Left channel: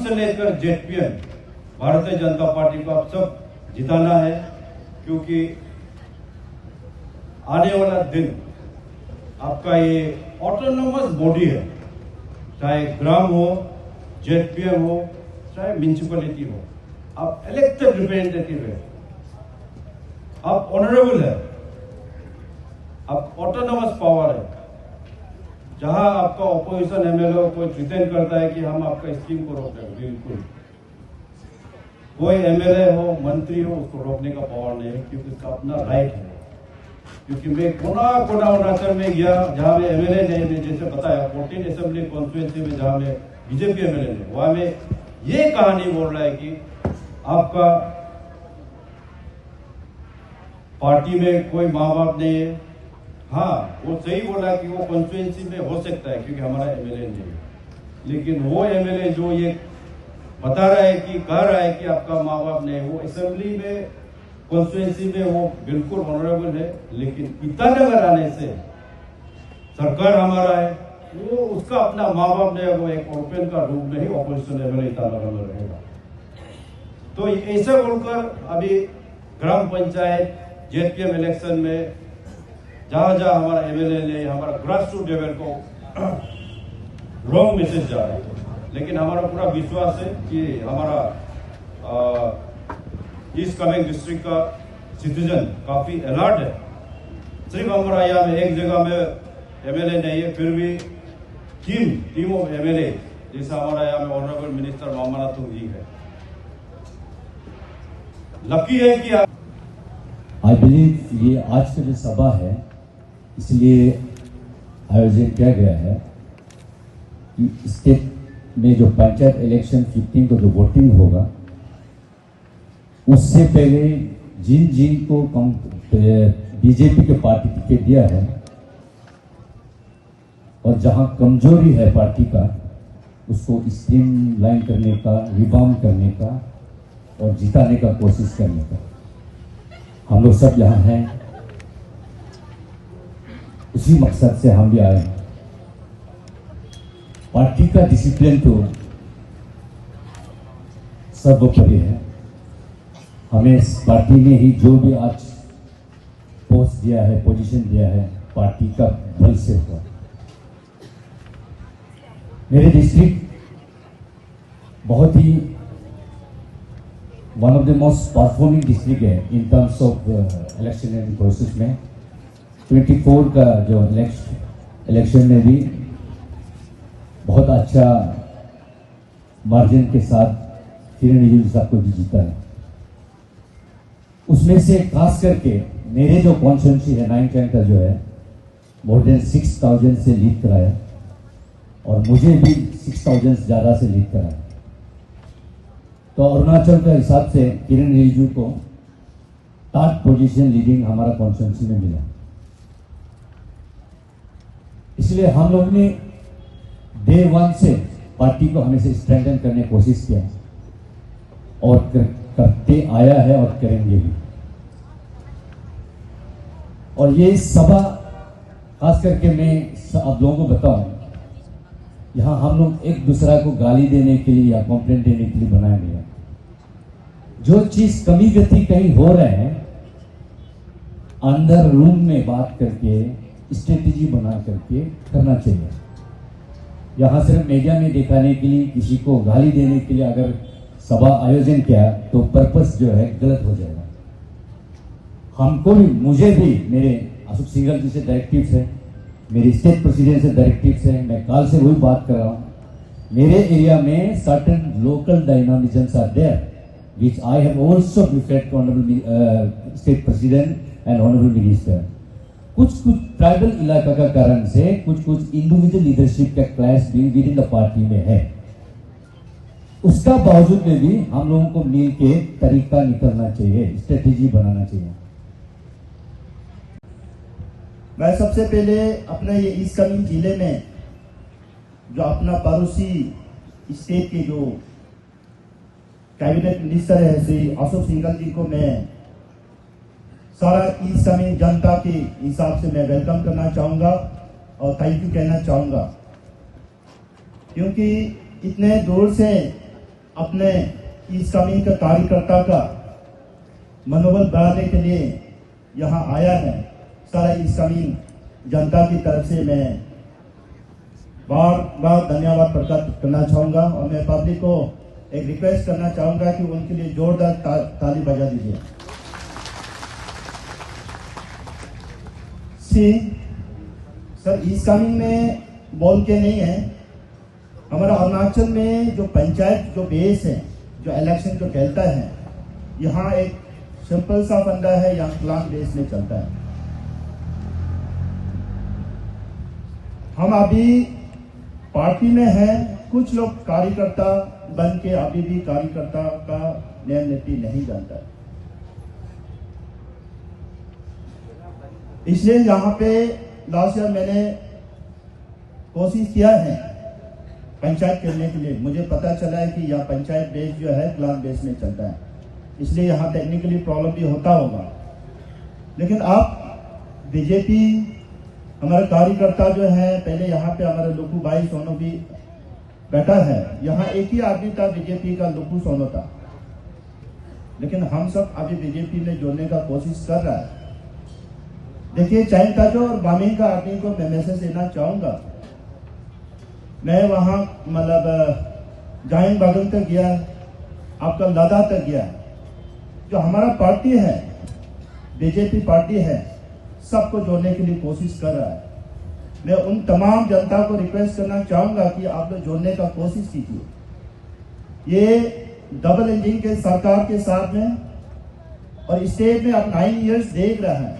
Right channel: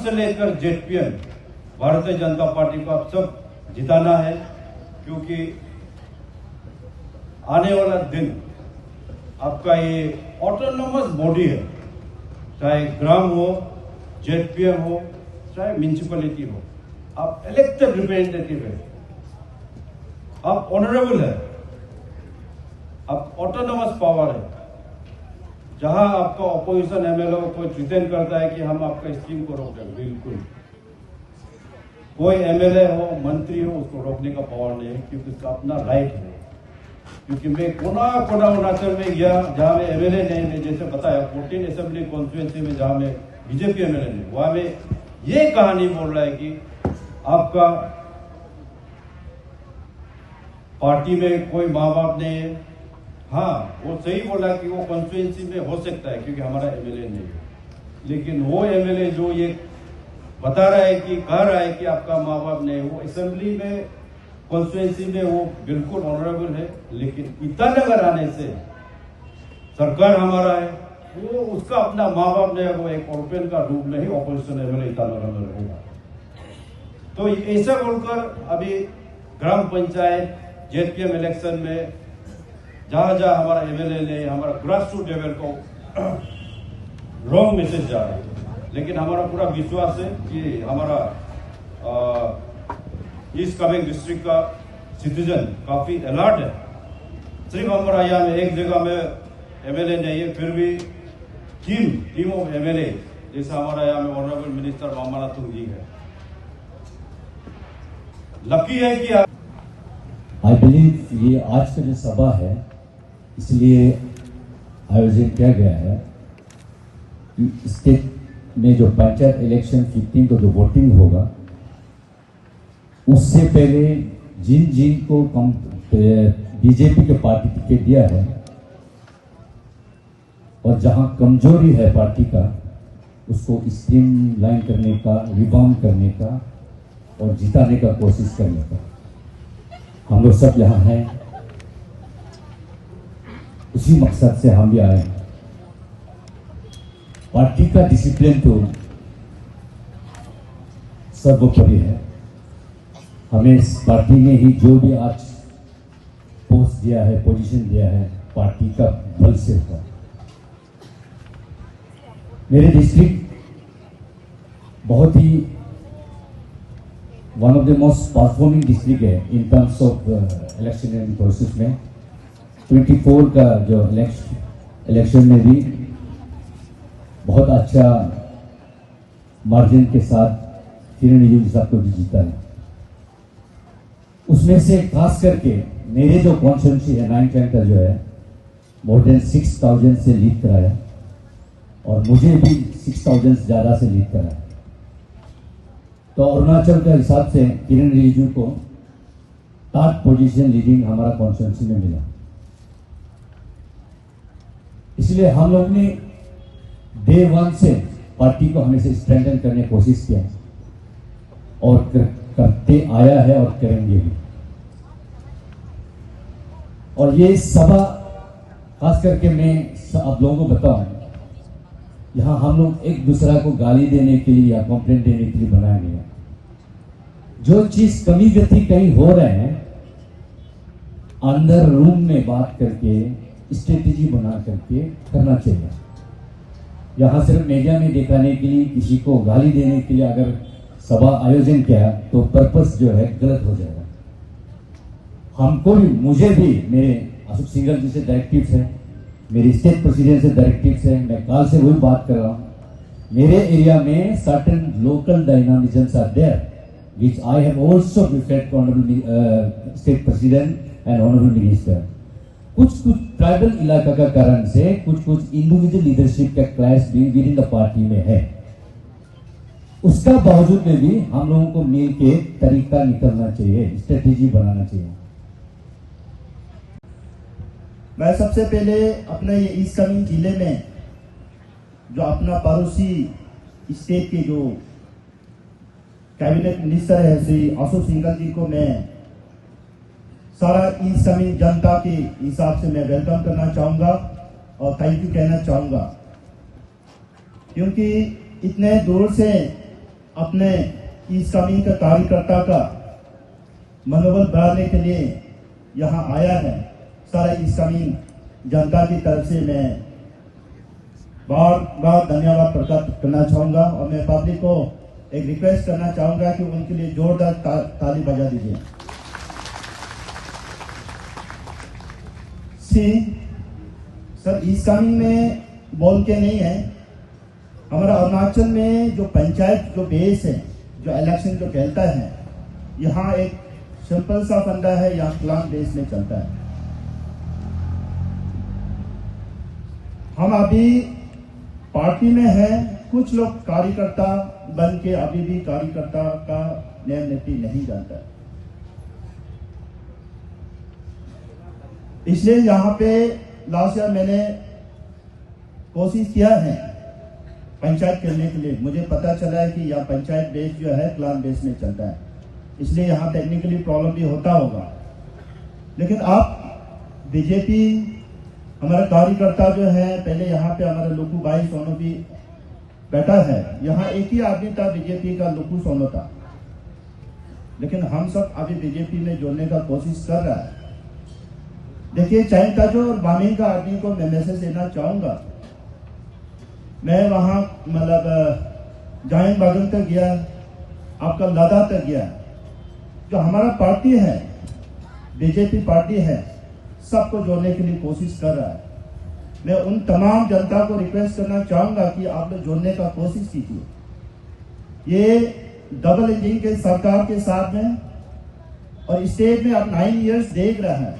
से लेकर ZPM Bharatiya Janata party को आप सब जिताना है, क्योंकि आने वाला दिन आपका ये ऑटोनोमस बॉडी है, चाहे ग्राम हो, जेडपीएम हो, चाहे म्यूनिसिपैलिटी हो, आप इलेक्टेड रिप्रेजेंटेटिव है, आप ऑनरेबल है, आप ऑटोनोमस पावर है। जहां आपका ऑपोजिशन एमएलए कोई प्रिटेंड करता है कि हम आपका स्कीम को रोक देंगे, बिल्कुल कोई एमएलए हो, मंत्री हो, उसको रोकने का पावर नहीं है, क्योंकि उसका अपना राइट है। क्योंकि मैं कोना अरुणाचल में गया जहां में एमएलए नहीं, मैं जैसे बताया 14 असेंबली कॉन्स्टिट्यूएंसी में जहां में बीजेपी एमएलए नहीं, वहां में ये कहानी बोल रहा है कि आपका पार्टी में कोई माँ बाप नहीं है। हाँ, वो सही बोला कि वो कॉन्स्टिट्यूएंसी में हो सकता है क्योंकि हमारा एमएलए नहीं है, लेकिन वो एमएलए जो ये बता रहा है कि कह रहा है कि आपका माँ बाप नहीं, वो असेंबली में कॉन्स्टिट्यूएंसी में वो बिल्कुल ऑनरेबल है, लेकिन ईटानगर आने से सरकार हमारा है, वो उसका अपना माँ बाप नहीं है, वो एक ओपन का रूप में ही ऑपोजिशन एमएलए ईटानगर में रहेगा। तो ऐसा बोलकर अभी ग्राम पंचायत जेडपीएम इलेक्शन में जहां जहां हमारा एमएलए ने हमारा ग्रास रूट लेवल को रॉन्ग मैसेज जा रहा है, लेकिन हमारा पूरा विश्वास है कि हमारा ईस्ट कामेंग डिस्ट्रिक्ट का सिटीजन काफी अलर्ट है। सिर्फ हमारा यहाँ में एक जगह में एमएलए नहीं है, फिर भी टीम ऑफ एमएलए जैसा हमारा यहाँ में ऑनरेबल मिनिस्टर मामानाथन जी है। लकी है कि आई बिलीव ये आज का जो सभा है इसलिए आयोजित किया गया है कि स्टेट में जो पंचायत इलेक्शन 15 को जो वोटिंग होगा उससे पहले जिन को बीजेपी के पार्टी टिकट दिया है और जहां कमजोरी है पार्टी का उसको स्ट्रीमलाइन करने का, रिफॉर्म करने का और जिताने का कोशिश करने का हम लोग सब यहाँ हैं। उसी मकसद से हम भी आए हैं। पार्टी का डिसिप्लिन तो सर्वोपरि है। हमें इस पार्टी ने ही जो भी आज पोस्ट दिया है, पोजीशन दिया है, पार्टी का बल से होगा। मेरे डिस्ट्रिक्ट बहुत ही one of the most performing district है in terms of election process में। 24 का जो इलेक्शन में भी बहुत अच्छा मार्जिन के साथ किरण रिजिजू साहब को भी जीता है। उसमें से खास करके मेरे जो कॉन्स्टिट्यूंसी है 9 का जो है मोर देन 6,000 से लीड कराया और मुझे भी 6,000 ज्यादा से लीड कराया। तो अरुणाचल का हिसाब से किरण रिजिजू को 3rd पोजीशन लीडिंग हमारा कॉन्स्टिट्यूंसी में मिला। इसलिए हम लोग ने डे 1 से पार्टी को हमेशा स्ट्रेंथन करने की कोशिश किया और करते आया है और करेंगे भी। और ये सभा खास करके मैं आप लोगों को बताऊं, यहां हम लोग एक दूसरा को गाली देने के लिए या कंप्लेंट देने के लिए बनाया नहीं है। जो चीज कमी गति कहीं हो रहे हैं अंदर रूम में बात करके स्ट्रेटेजी बना करके करना चाहिए। यहां सिर्फ मीडिया में दिखाने के लिए किसी को गाली देने के लिए अगर सभा आयोजन किया तो पर्पस जो है गलत हो जाएगा। हमको भी, मुझे भी मेरे अशोक सिंघल जी से डायरेक्टिव्स है, मेरे स्टेट प्रेसिडेंट से डायरेक्टिव्स है, मैं काल से वही बात कर रहा हूं। मेरे एरिया में certain local dynamisms are there which I have also referred to honorable state president and honorable minister। कुछ ट्राइबल इलाका का कारण से कुछ इंडिविजुअल लीडरशिप का क्लैश भी विद इन द पार्टी में है। उसका बावजूद में भी हम लोगों को मिल के तरीका निकलना चाहिए, स्ट्रेटेजी बनाना चाहिए। मैं सबसे पहले अपना ये ईस्ट कामेंग जिले में जो अपना पड़ोसी स्टेट के जो कैबिनेट मिनिस्टर है श्री अशोक सिंघल जी को मैं सारा ईस्ट कामेंग जनता के हिसाब से मैं वेलकम करना चाहूंगा और थैंक यू कहना चाहूंगा, क्योंकि इतने दूर से अपने ईस्ट कामेंग का कार्यकर्ता का मनोबल बढ़ाने के लिए यहाँ आया है। सारा ईस्ट कामेंग जनता की तरफ से मैं बार बार धन्यवाद प्रकट करना चाहूंगा और मैं पब्लिक को एक रिक्वेस्ट करना चाहूंगा कि उनके लिए जोरदार ताली बजा दीजिए। सर ईस्ट कामेंग में बोल के नहीं है, हमारा अरुणाचल में जो पंचायत जो बेस है, जो इलेक्शन जो खेलता है, यहाँ एक सिंपल सा फंडा है, यहाँ क्लान बेस में चलता है। हम अभी पार्टी में हैं, कुछ लोग कार्यकर्ता बन के अभी भी कार्यकर्ता का नियम नीति नहीं जानता है। इसलिए यहाँ पे लास्ट ईयर मैंने कोशिश किया है पंचायत करने के लिए। मुझे पता चला है कि यह पंचायत बेस जो है क्लान बेस में चलता है, इसलिए यहाँ टेक्निकली प्रॉब्लम भी होता होगा। लेकिन आप बीजेपी हमारा कार्यकर्ता जो है, पहले यहाँ पे हमारा लुकू भाई सोनो भी बैठा है, यहाँ एक ही आदमी था बीजेपी का, लुकू सोनो था, लेकिन हम सब अभी बीजेपी में जोड़ने का कोशिश कर रहा है। देखिए चाहे ताजो और बामी का आदमी को मैं मैसेज देना चाहूंगा। मैं वहां मतलब जाइन बागन तक गया, आपका लादा तक गया, जो हमारा पार्टी है बीजेपी पार्टी है, सबको जोड़ने के लिए कोशिश कर रहा है। मैं उन तमाम जनता को रिक्वेस्ट करना चाहूंगा कि आप लोग जोड़ने का कोशिश कीजिए। ये डबल इंजन के सरकार के साथ में और स्टेट में आप 9 इयर्स देख रहा है,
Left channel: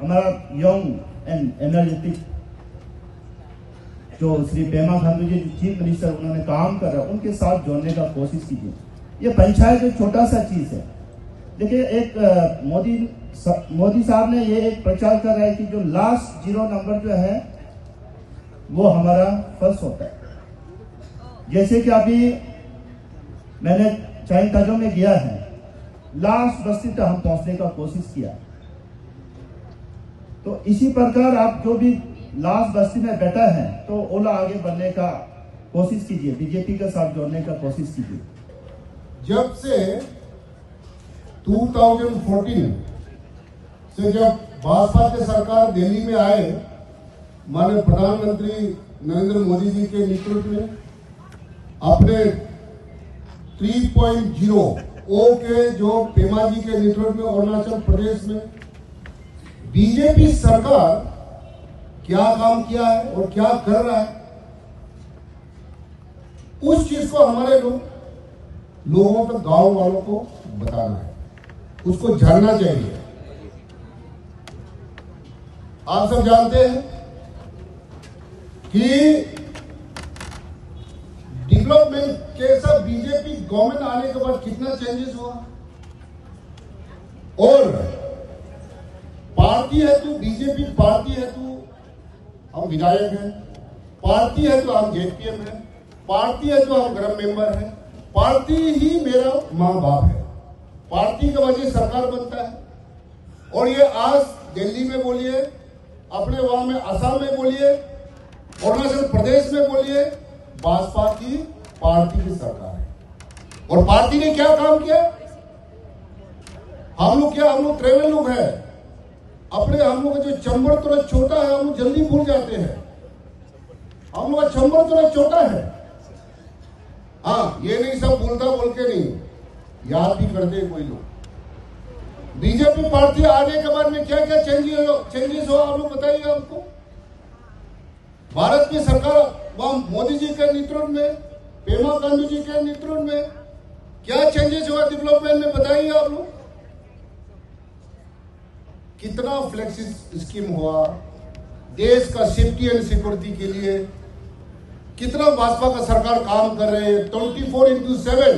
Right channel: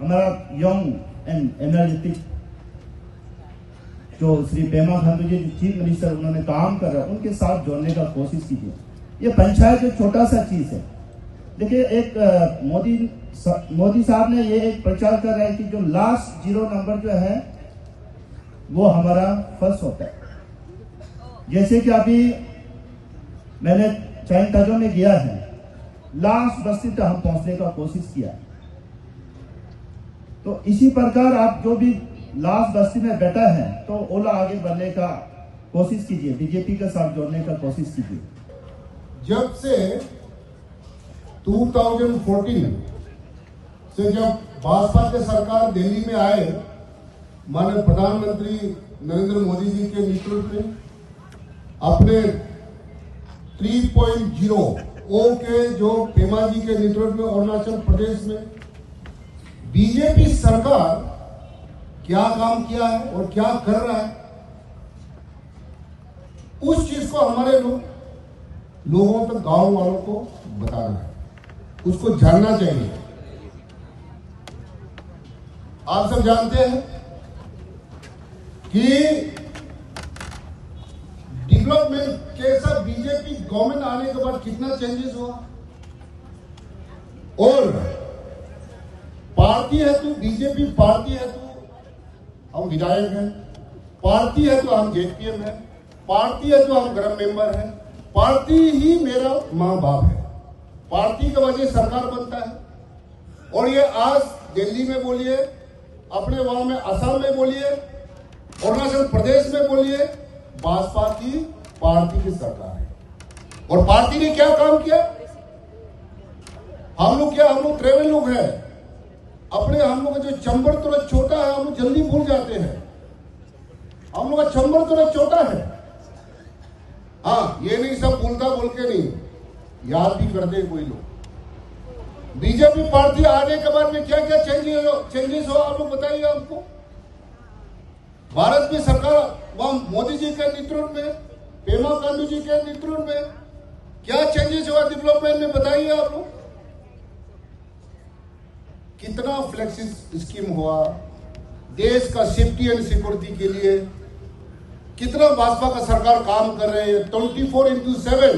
हमारा यंग एंड एनर्जेटिक जो श्री पेमा खांडू जी चीफ मिनिस्टर उन्होंने काम कर रहा है, उनके साथ जोड़ने का कोशिश कीजिए। ये पंचायत एक छोटा सा चीज है। देखिए एक मोदी साहब ने ये एक प्रचार कर रहा है कि जो लास्ट 0 नंबर जो है वो हमारा फर्स्ट होता है। जैसे कि अभी मैंने चाइन ताजो में गया है, लास्ट बस्ती तक हम पहुंचने का कोशिश किया। तो इसी प्रकार आप जो भी लास्ट बस्ती में बैठा है तो ओला आगे बढ़ने का कोशिश कीजिए, बीजेपी के साथ जोड़ने का कोशिश कीजिए। जब से 2014 से जब भाजपा के सरकार दिल्ली में आए, माननीय प्रधानमंत्री नरेंद्र मोदी जी के नेतृत्व में अपने 3.0 ओ के जो पेमा जी के नेतृत्व में अरुणाचल प्रदेश में बीजेपी सरकार क्या काम किया है और क्या कर रहा है, उस चीज को हमारे लोगों तक, गांव वालों को बताना है। उसको जानना चाहिए। आप सब जानते हैं कि डेवलपमेंट कैसा बीजेपी गवर्नमेंट आने के बाद कितना चेंजेस हुआ, और पार्टी है तो बीजेपी पार्टी है तो हम विधायक हैं, पार्टी है तो हम जेपीएम है, पार्टी है तो हम गृह मेंबर हैं, पार्टी ही मेरा मां बाप है, पार्टी की वजह से सरकार बनता है। और ये आज दिल्ली में बोलिए, अपने वहां में असम में बोलिए, अरुणाचल प्रदेश में बोलिए, भाजपा की पार्टी की सरकार है। और पार्टी ने क्या काम किया? हम लोग ट्रेवल लोग हैं, हम लोग का जो चंबर थोड़ा छोटा है, हम लोग जल्दी भूल जाते हैं। हम लोग का चंबर थोड़ा छोटा है। हाँ, ये नहीं सब बोलता बोल के नहीं, याद भी करते कोई लोग। बीजेपी पार्टी आने के बाद में क्या क्या चेंजेस हो, आप लोग बताइए हमको। भारत की सरकार वहां मोदी जी के नेतृत्व में, पेमा खांडू जी के नेतृत्व में क्या चेंजेस हुआ डेवलपमेंट में, बताइए आप लोग। कितना फ्लेक्सी स्कीम हुआ देश का सेफ्टी एंड सिक्योरिटी के लिए, कितना भाजपा का सरकार काम कर रहे हैं 24/7।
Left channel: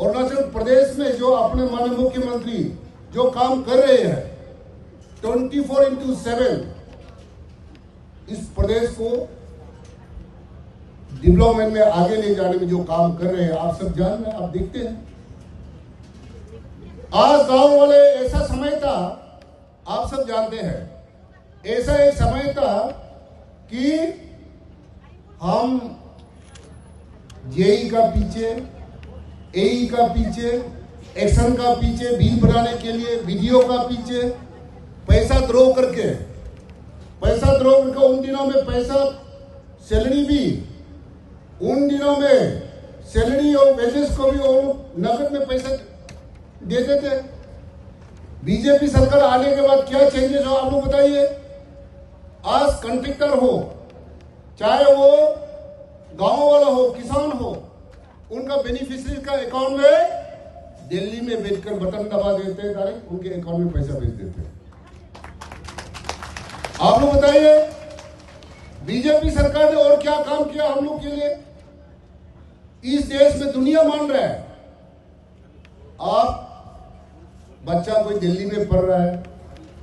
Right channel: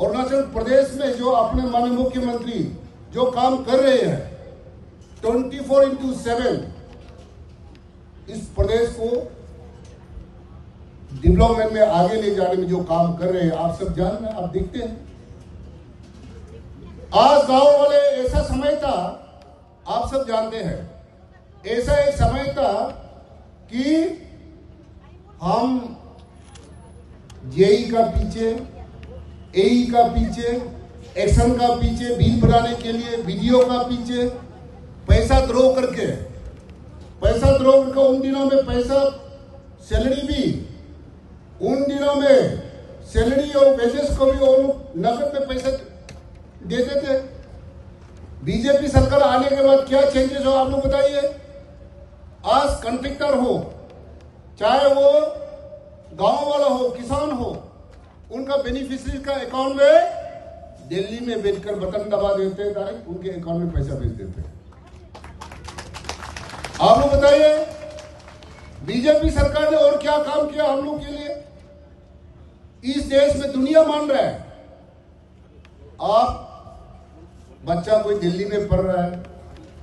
अरुणाचल प्रदेश में जो अपने माननीय मुख्यमंत्री जो काम कर रहे हैं 24/7, इस प्रदेश को डेवलपमेंट में आगे ले जाने में जो काम कर रहे हैं, आप सब जान रहे हैं, आप देखते हैं। आज गांव वाले ऐसा समय था, आप सब जानते हैं, ऐसा एक समय था कि हम जेई का पीछे, एई का पीछे, एक्शन का पीछे, बिल बनाने के लिए वीडियो का पीछे पैसा द्रो करके उन दिनों में पैसा सैलरी भी, उन दिनों में सैलरी और वेजेस को भी और नकद में पैसा देते थे। बीजेपी सरकार आने के बाद क्या चेंजेस हो, आप लोग बताइए। आज कंट्रैक्टर हो, चाहे वो गांव वाला हो, किसान हो, उनका बेनिफिशियरी का अकाउंट में दिल्ली में बैठकर बटन दबा देते हैं, डायरेक्ट उनके अकाउंट में पैसा भेज देते हैं। आप लोग बताइए बीजेपी सरकार ने और क्या काम किया हम लोग के लिए। इस देश में दुनिया मान रहा है। आप बच्चा कोई दिल्ली में पढ़ रहा है,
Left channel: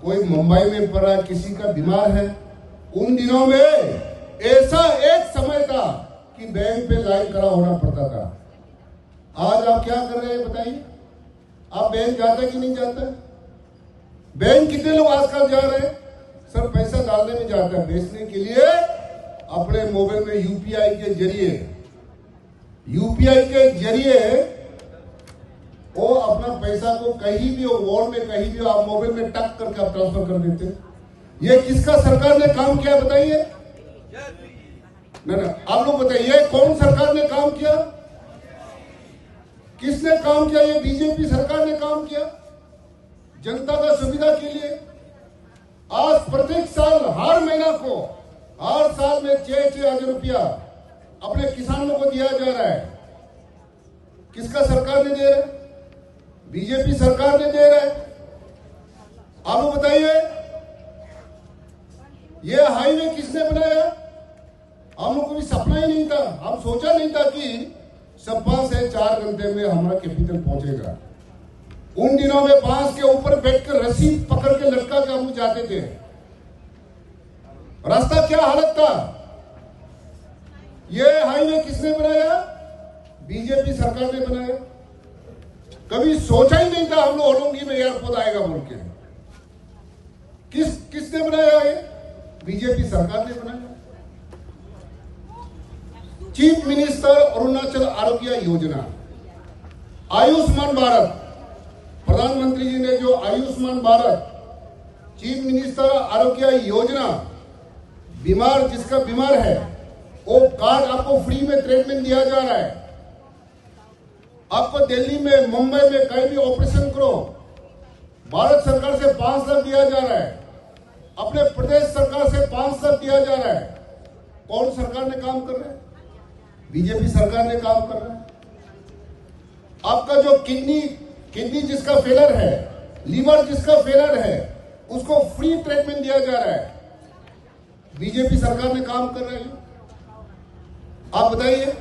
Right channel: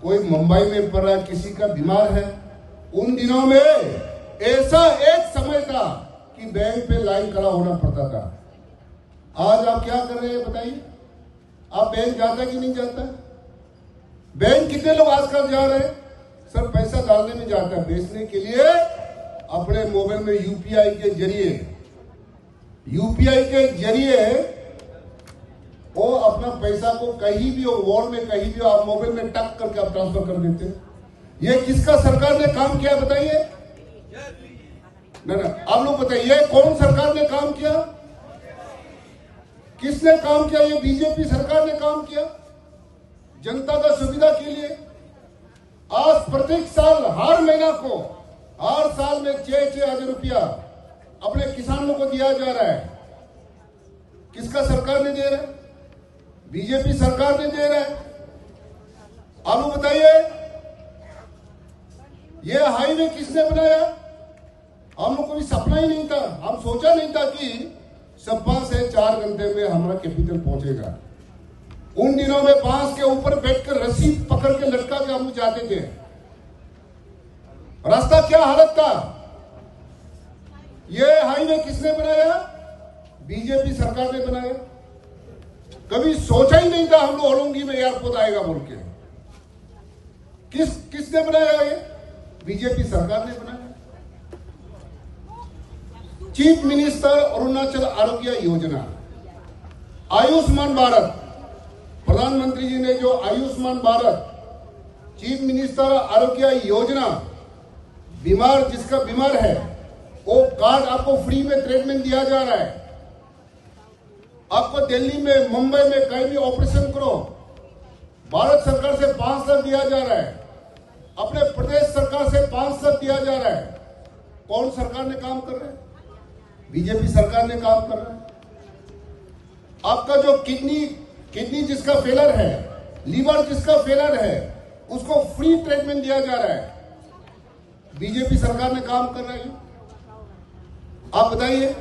कोई मुंबई में पढ़ रहा है, किसी का बीमार है, उन दिनों में ऐसा एक समय था कि बैंक पे लाइन खड़ा होना पड़ता था। आज आप क्या कर रहे हैं बताइए। आप बैंक जाता है कि नहीं जाता है? बैंक कितने लोग आजकल जा रहे हैं? सर पैसा डालने में जाता है, बेचने के लिए अपने मोबाइल में यूपीआई के जरिए वो अपना पैसा को कहीं भी हो, वॉल में कहीं भी हो, आप मोबाइल में टक करके आप ट्रांसफर कर देते हैं। ये किसका सरकार ने काम किया बताइए? ना आप लोग बताइए, कौन सरकार ने काम किया? किसने काम किया? ये बीजेपी सरकार ने काम किया जनता का सुविधा के लिए। आज प्रत्येक साल हर महीना को, हर साल में 6-6 हजार रुपया अपने किसानों को दिया जा रहा है। किसका सरकार ने दे रहा है? बीजेपी सरकार ने दे रहा है। आप लोग बताइए, ये हाईवे किसने बनाया? हम लोग को भी सपना ही नहीं था, हम सोचा नहीं था कि सपा से 4 घंटे में हमारा कैपिटल पहुंचेगा। उन दिनों में बांस के ऊपर बैठकर रस्सी पकड़ के लटका के हम लोग जाते थे। रास्ता क्या हालत था? ये हाईवे किसने बनाया? बीजेपी सरकार ने बनाया। कभी सोचा ही नहीं था हम लोग होलोंगी में एयरपोर्ट आएगा बोल के। किसने बनाया? ये बीजेपी सरकार ने बनाया। चीफ मिनिस्टर अरुणाचल आरोग्य योजना, आयुष्मान भारत, प्रधानमंत्री जी ने जो आयुष्मान भारत चीफ मिनिस्टर आरोग्य योजना, बीमार जिसका बीमार है वो कार्ड आपको फ्री में ट्रीटमेंट दिया जा रहा है। आपको दिल्ली में, मुंबई में कहीं भी ऑपरेशन करो, भारत सरकार से 5 लाख दिया जा रहा है, अपने प्रदेश सरकार से 5 लाख दिया जा रहा है। कौन सरकार ने काम कर रहा है? बीजेपी सरकार ने काम कर रहा है। आपका जो किडनी किडनी जिसका फेलर है, लीवर जिसका फेलर है, उसको फ्री ट्रीटमेंट दिया जा रहा है। बीजेपी सरकार ने काम कर रही है। आप बताइए,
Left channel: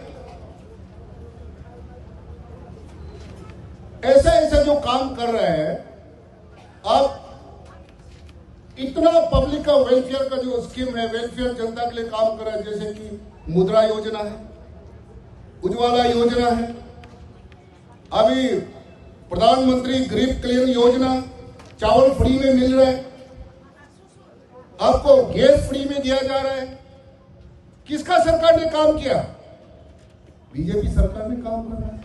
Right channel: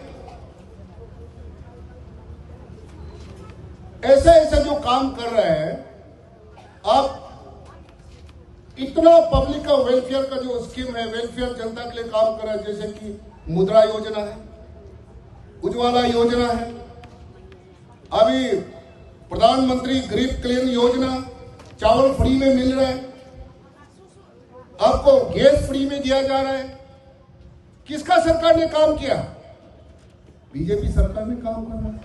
ऐसा ऐसा जो काम कर रहा है, आप इतना पब्लिक का वेलफेयर का जो स्कीम है, वेलफेयर जनता के लिए काम कर रहा है, जैसे कि मुद्रा योजना है, उज्ज्वला योजना है, अभी प्रधानमंत्री गरीब कल्याण योजना, चावल फ्री में मिल रहा है, आपको गैस फ्री में दिया जा रहा है। किसका सरकार ने काम किया? बीजेपी सरकार ने काम कर रहा है।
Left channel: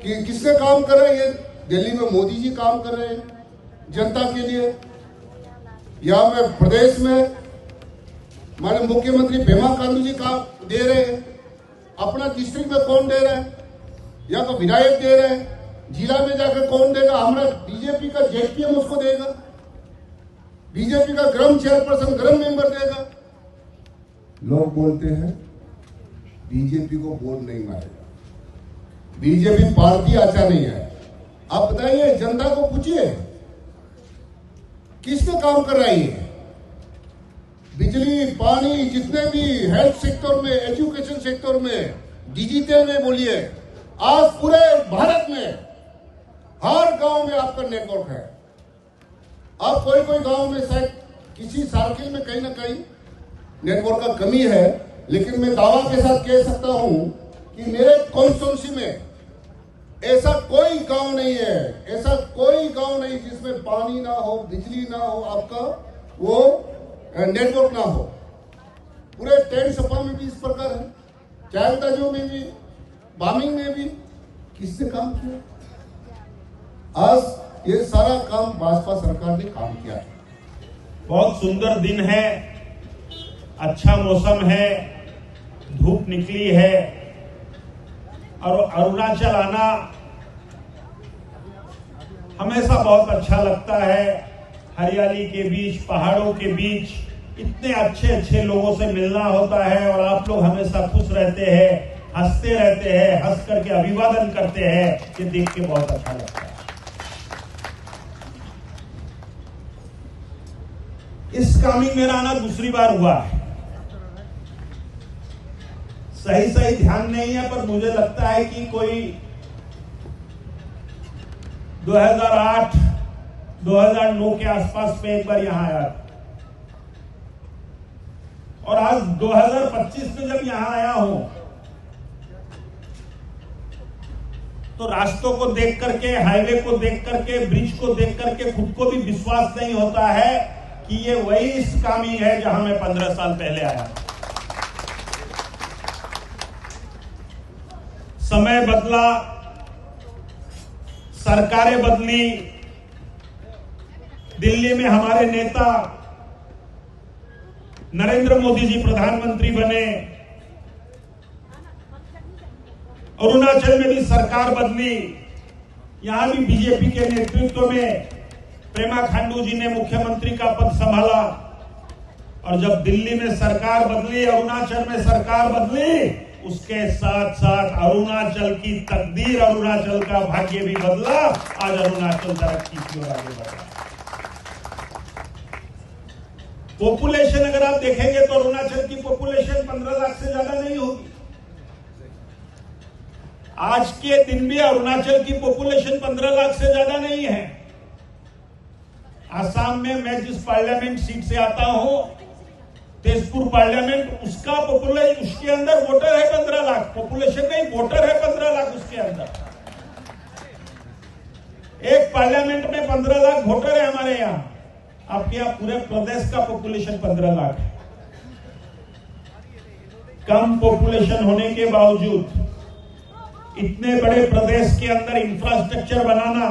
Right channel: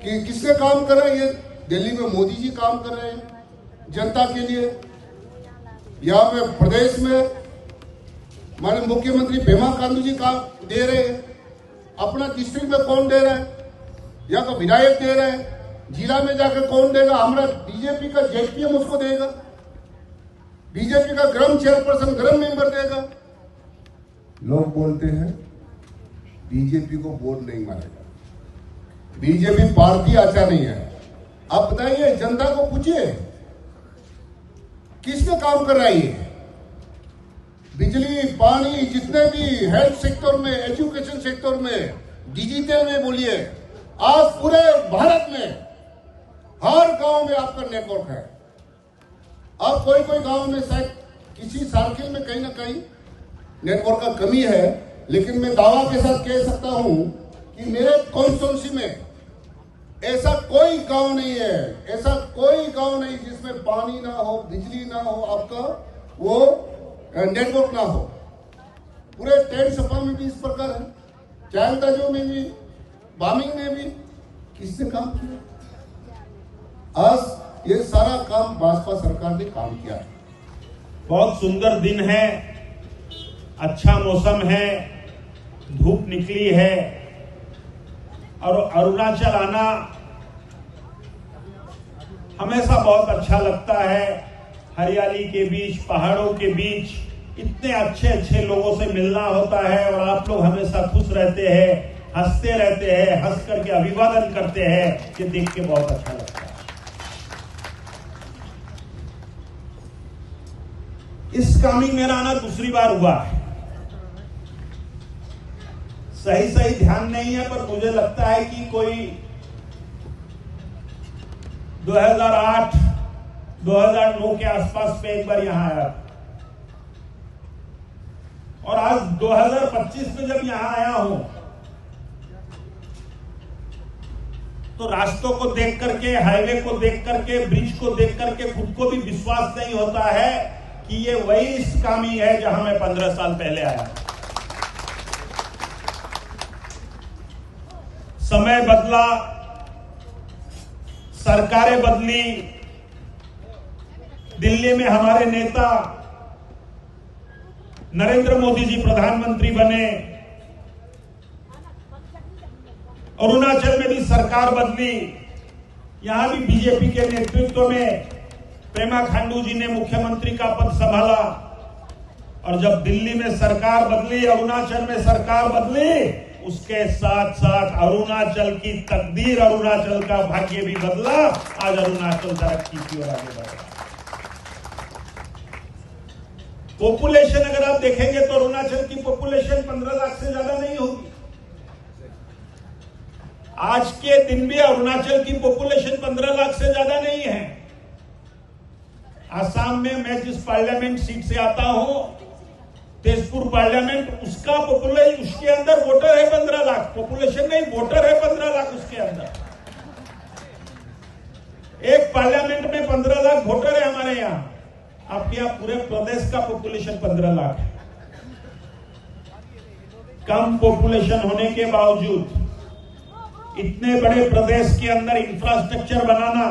कि किसने काम कर रहा है? ये दिल्ली में मोदी जी काम कर रहे हैं जनता के लिए। यहां पे प्रदेश में हमारे मुख्यमंत्री पेमा खांडू जी काम दे रहे हैं। अपना डिस्ट्रिक्ट में कौन दे रहा है? यहाँ का विधायक दे रहा है। जिला में जाकर कौन देगा? हमारा बीजेपी का जेपीएम उसको देगा, बीजेपी का ग्राम चेयरपर्सन, ग्राम मेंबर देगा। लोग बोलते हैं बीजेपी को वोट नहीं मारेगा, बीजेपी पार्टी अच्छा नहीं है। आप बताइए, जनता को पूछिए किसने काम कर रहा है ये? बिजली, पानी, जितने भी हेल्थ सेक्टर में, एजुकेशन सेक्टर में, डिजिटल में बोलिए, आज पूरे भारत में हर गांव में आपका नेटवर्क है। अब कोई कोई गांव में शायद किसी सर्किल में कहीं ना कहीं नेटवर्क का कमी है, लेकिन मैं दावा के साथ कह सकता हूं कि मेरे कॉन्स्टिट्यूंसी में ऐसा कोई गांव नहीं है, ऐसा कोई गांव नहीं जिसमें पानी ना हो, बिजली ना हो, आपका वो नेटवर्क ना हो। पूरे टेंट सपा में भी इस प्रकार है, चायलताजू में भी, बामिंग में भी। किसने काम किया? आज ये सारा काम भाजपा सरकार ने काम किया है। बहुत सुंदर दिन है, अच्छा मौसम है, धूप निकली है और अरुणाचल आना हमेशा बहुत अच्छा लगता है। हरियाली के बीच, पहाड़ों के बीच इतने अच्छे अच्छे लोगों से मिलना होता है और आप लोग हमेशा खुश रहते हैं, हंसते रहते हैं, हंस करके अभिवादन करते हैं। ये देख के बहुत अच्छा लगता है। इस कामिंग मेरा आना दूसरी बार हुआ है। सही ध्यान नहीं है, पर मुझे लगता है कि कोई 2008, 2009 के आसपास में एक बार यहां आया और आज 2025 में जब यहां आया हूं तो रास्तों को देख करके, हाईवे को देख करके, ब्रिज को देख करके खुद को भी विश्वास नहीं होता है कि ये वही कामिंग है जहां मैं 15 साल पहले आया। समय बदला, सरकारें बदली, दिल्ली में हमारे नेता नरेंद्र मोदी जी प्रधानमंत्री बने, अरुणाचल में भी सरकार बदली, यहां भी बीजेपी के नेतृत्व में पेमा खांडू जी ने मुख्यमंत्री का पद संभाला और जब दिल्ली में सरकार बदली, अरुणाचल में सरकार बदली, उसके साथ साथ अरुणाचल की तकदीर, अरुणाचल का भाग्य भी बदला। आज अरुणाचल तरक्की की ओर आगे बढ़ रहा है। पॉपुलेशन अगर आप देखेंगे तो अरुणाचल की पॉपुलेशन 15 लाख से ज्यादा नहीं होगी। आज के दिन भी अरुणाचल की पॉपुलेशन 15 लाख से ज्यादा नहीं है। आसाम में मैं जिस पार्लियामेंट सीट से आता हूं, तेजपुर पार्लियामेंट, उसका पॉपुलेशन, उसके अंदर वोटर है 15 लाख, पॉपुलेशन नहीं, वोटर है 15 लाख उसके अंदर। एक पार्लियामेंट में 15 लाख वोटर है हमारे यहां। आपके यहां पूरे प्रदेश का पॉपुलेशन 15 लाख है। कम पॉपुलेशन होने के बावजूद इतने बड़े प्रदेश के अंदर इंफ्रास्ट्रक्चर बनाना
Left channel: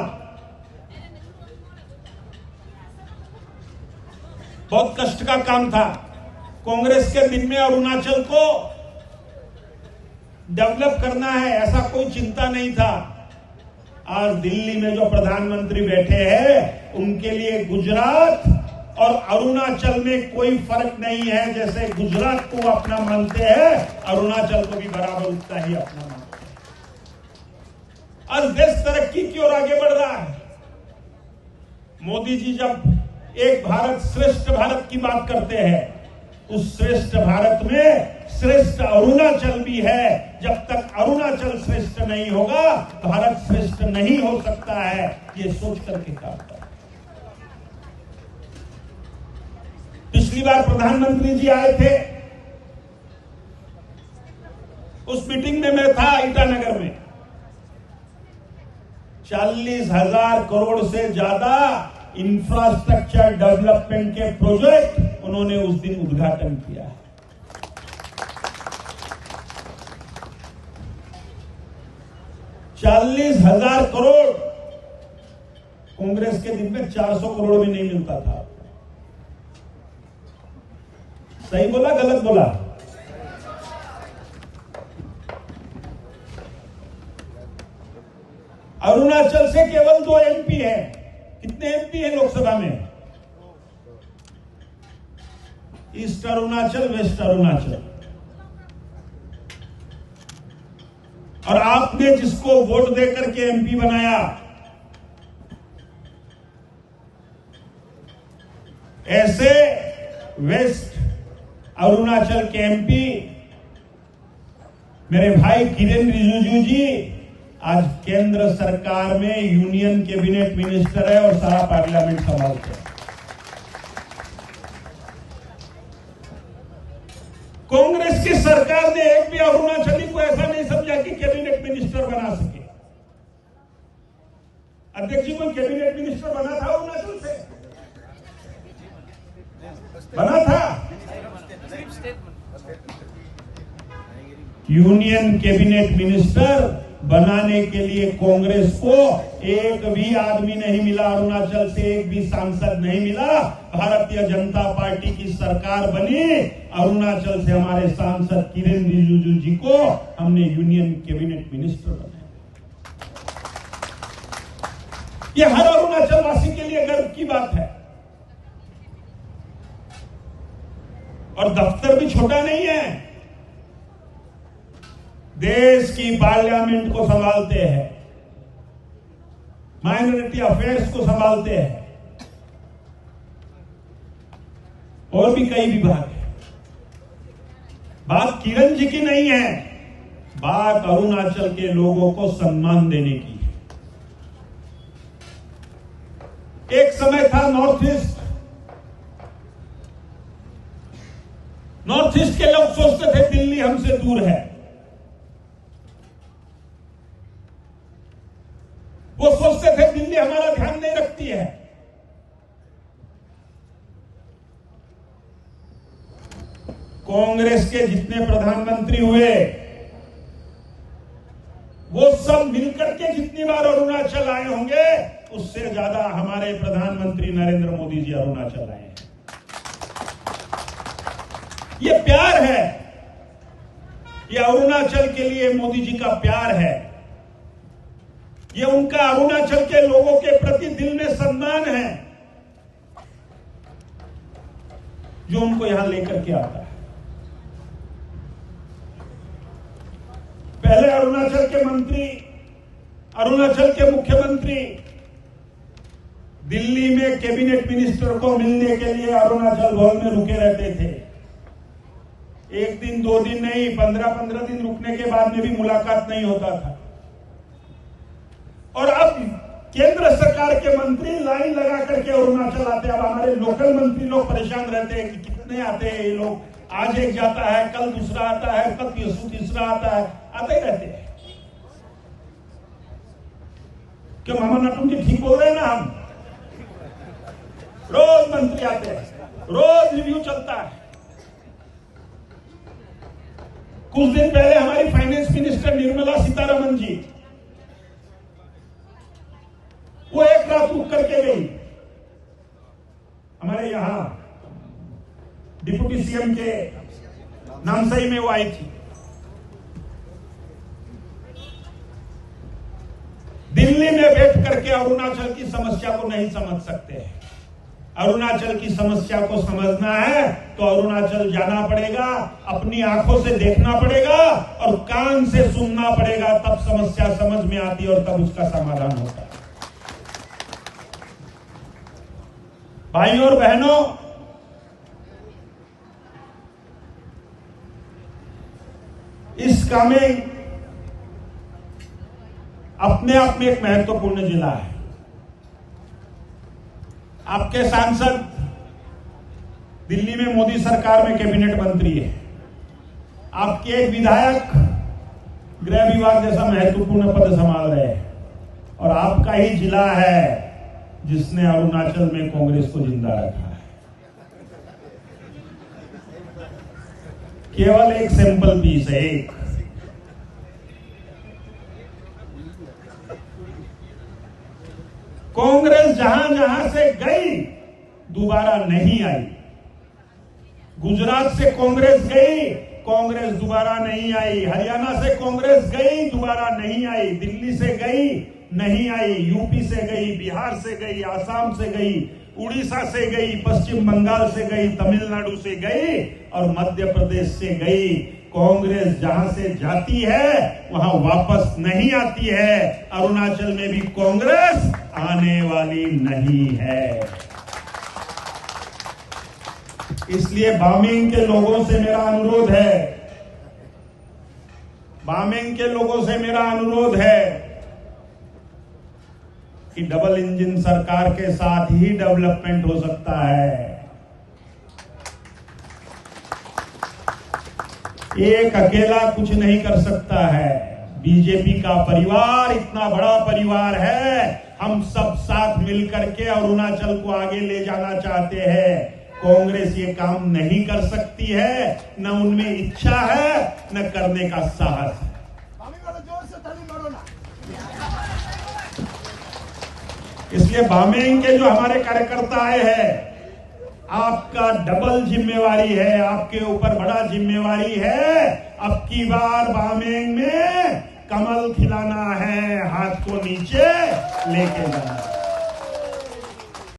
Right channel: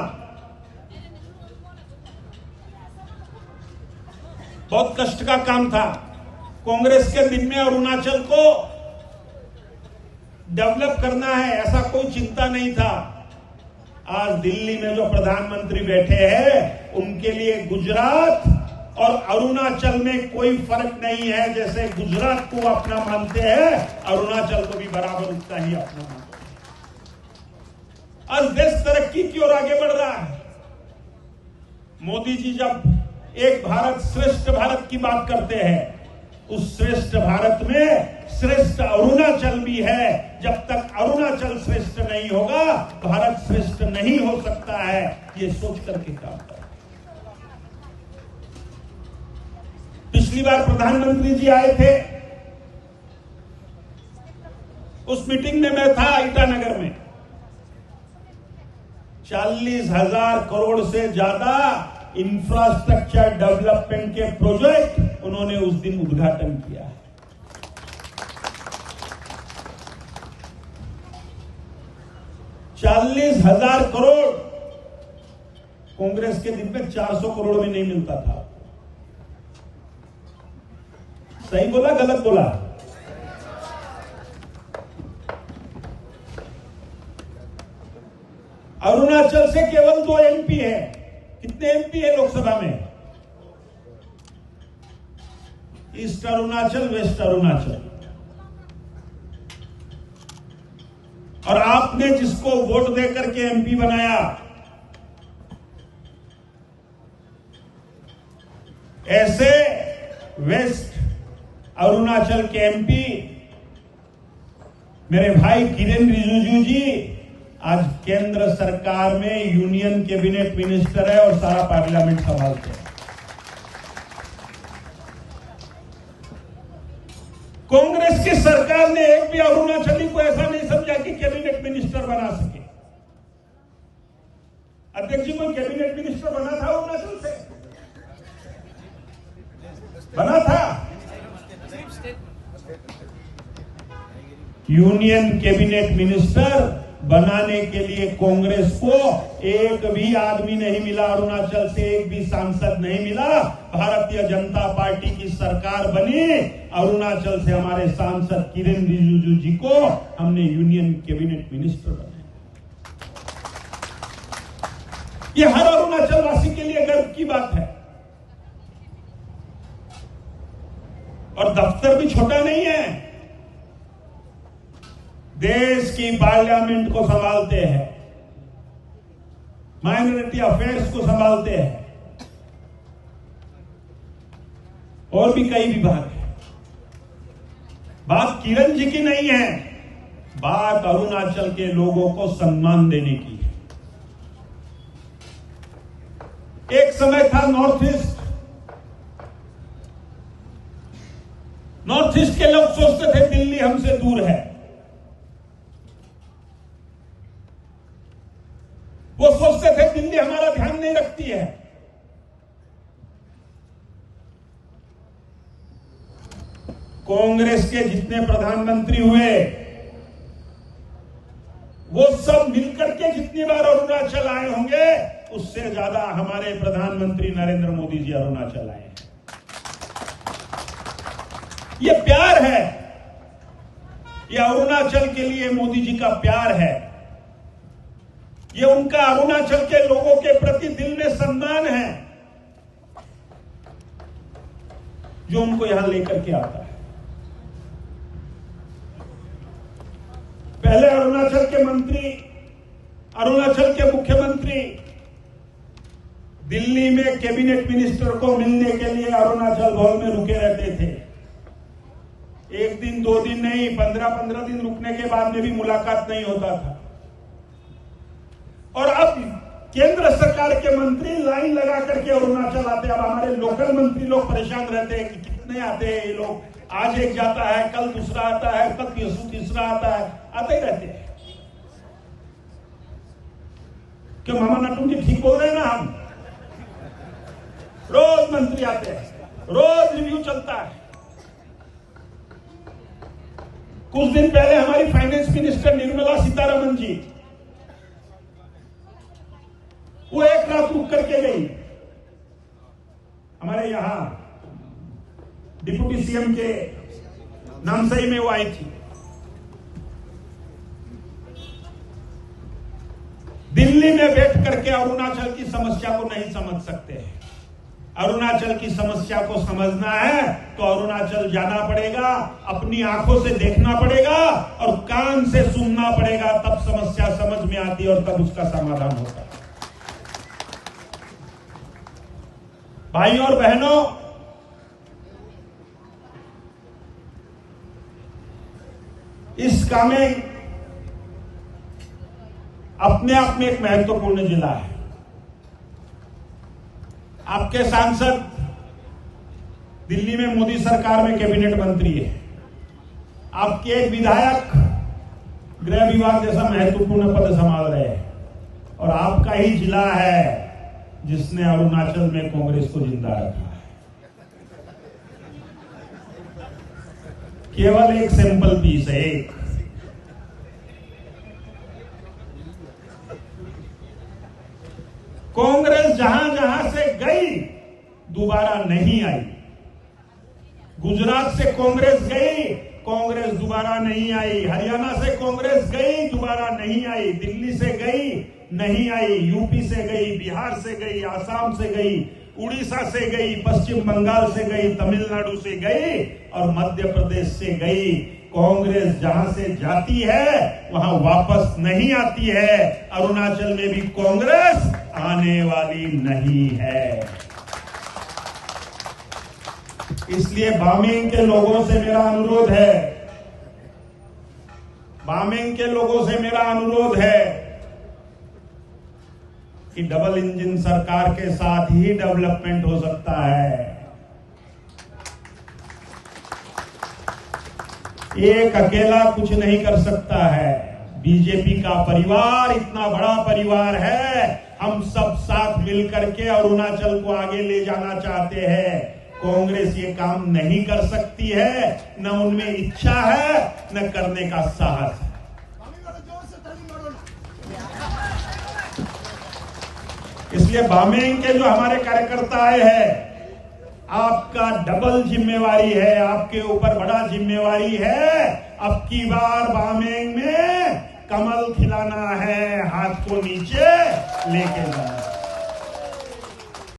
बहुत कष्ट का काम था। कांग्रेस के दिन में अरुणाचल को डेवलप करना है, ऐसा कोई चिंता नहीं था। आज दिल्ली में जो प्रधानमंत्री बैठे हैं, उनके लिए गुजरात और अरुणाचल में कोई फर्क नहीं है। जैसे गुजरात को अपना मानते हैं, अरुणाचल को भी बराबर उतना ही अपना मानते हैं। आज देश तरक्की की ओर आगे बढ़ रहा है। मोदी जी जब एक भारत श्रेष्ठ भारत की बात करते हैं, उस श्रेष्ठ भारत में श्रेष्ठ अरुणाचल भी है। जब तक अरुणाचल श्रेष्ठ नहीं होगा, भारत श्रेष्ठ नहीं हो सकता है। ये सोच करके काम करें। पिछली बार प्रधानमंत्री जी आए थे, उस मीटिंग में मैं था ईटानगर में। 40,000 करोड़ से ज्यादा इंफ्रास्ट्रक्चर डेवलपमेंट के प्रोजेक्ट उन्होंने उस दिन उद्घाटन किया है। ₹40,000 करोड़ कांग्रेस के दिन में 400 करोड़ भी नहीं मिलता था। सही बोला गलत बोला? अरुणाचल से केवल 2 एमपी है। कितने एमपी है लोकसभा में? East Arunachal, west Arunachal. और आपने जिसको वोट देकर के एमपी बनाया, ऐसे वेस्ट अरुणाचल के एमपी मेरे भाई किरेन रिजिजू जी आज केंद्र सरकार में यूनियन कैबिनेट मिनिस्टर है और सारा पार्लियामेंट संभालते हैं। कांग्रेस की सरकार ने एक भी अरुणाचली को ऐसा नहीं समझा कि कैबिनेट मिनिस्टर बना सके। अध्यक्ष जी, कोई कैबिनेट मिनिस्टर बना था अरुणाचल से? बना था? यूनियन कैबिनेट मिनिस्टर बनाने के लिए कांग्रेस को एक भी आदमी नहीं मिला, अरुणाचल से एक भी सांसद नहीं मिला। भारतीय जनता पार्टी की सरकार बनी, अरुणाचल से हमारे सांसद किरेन रिजिजू जी को हमने यूनियन कैबिनेट मिनिस्टर बनाया। ये हर अरुणाचल वासी के लिए गर्व की बात है। और दफ्तर भी छोटा नहीं है, देश की पार्लियामेंट को संभालते हैं, माइनॉरिटी अफेयर्स को संभालते हैं, और भी कई विभाग है। बात किरण जी की नहीं है, बात अरुणाचल के लोगों को सम्मान देने की है। एक समय था नॉर्थ ईस्ट के लोग सोचते थे दिल्ली हमसे दूर है। वो सोचते थे दिल्ली हमारा ध्यान नहीं रखती है। कांग्रेस के जितने प्रधानमंत्री हुए, वो सब मिलकर के जितनी बार अरुणाचल आए होंगे, उससे ज्यादा हमारे प्रधानमंत्री नरेंद्र मोदी जी अरुणाचल आए हैं। ये प्यार है, ये अरुणाचल के लिए मोदी जी का प्यार है। ये उनका अरुणाचल के लोगों के प्रति दिल में सम्मान है, जो उनको यहां लेकर के आता है। पहले अरुणाचल के मुख्यमंत्री दिल्ली में कैबिनेट मिनिस्टर को मिलने के लिए अरुणाचल भवन में रुके रहते थे। एक दिन 2 दिन नहीं, 15-15 दिन रुकने के बाद में भी मुलाकात नहीं होता था। और अब केंद्र सरकार के मंत्री लाइन लगा करके अरुणाचल आते हैं। अब हमारे लोकल मंत्री लोग परेशान रहते हैं कि कितने आते हैं ये लोग, आज एक जाता है, कल दूसरा आता है, कल तीसरा आता है, आते ही रहते हैं। क्यों मामा नटू जी ठीक बोल रहे हैं ना? हम रोज मंत्री आते हैं, रोज रिव्यू चलता है। कुछ दिन पहले हमारी फाइनेंस मिनिस्टर निर्मला सीतारमण जी, वो एक रात रुक करके गई। हमारे यहां डिप्टी सीएम के नामसाई में वो आई थी। दिल्ली में बैठ करके अरुणाचल की समस्या को नहीं समझ सकते हैं। अरुणाचल की समस्या को समझना है तो अरुणाचल जाना पड़ेगा, अपनी आंखों से देखना पड़ेगा और कान से सुनना पड़ेगा, तब समस्या समझ में आती है और तब उसका समाधान होता है। भाइयों और बहनों, इस कामेंग अपने आप में एक महत्वपूर्ण जिला है। आपके सांसद दिल्ली में मोदी सरकार में कैबिनेट मंत्री है, आपके एक विधायक गृह विभाग जैसा महत्वपूर्ण पद संभाल रहे हैं, और आपका ही जिला है जिसने अरुणाचल में कांग्रेस को जिंदा रखा है। केवल एक सैंपल पीस है, एक। कांग्रेस जहां जहां से गई दोबारा नहीं आई। गुजरात से कांग्रेस गई, कांग्रेस दोबारा नहीं आई। हरियाणा से कांग्रेस गई, दोबारा नहीं आई। दिल्ली से गई, नहीं आई। यूपी से गई, बिहार से गई, आसाम से गई, उड़ीसा से गई, पश्चिम बंगाल से गई, तमिलनाडु से गई और मध्य प्रदेश से गई। कांग्रेस जहां से जाती है वहां वापस नहीं आती है। अरुणाचल में भी कांग्रेस आने वाली नहीं है। इसलिए बामेंग के लोगों से मेरा अनुरोध है, बामेंग के लोगों से मेरा अनुरोध है कि डबल इंजन सरकार के साथ ही डेवलपमेंट हो सकता है। एक अकेला कुछ नहीं कर सकता है। बीजेपी का परिवार इतना बड़ा परिवार है, हम सब साथ मिलकर के अरुणाचल को आगे ले जाना चाहते हैं। कांग्रेस ये काम नहीं कर सकती है, न उनमें इच्छा है, न करने का साहस है। इसलिए बामेंग के जो हमारे कार्यकर्ता आए हैं, आपका डबल जिम्मेवारी है, आपके ऊपर बड़ा जिम्मेवारी है। अब की बार बामेंग में कमल खिलाना है, हाथ को नीचे लेके जाना है।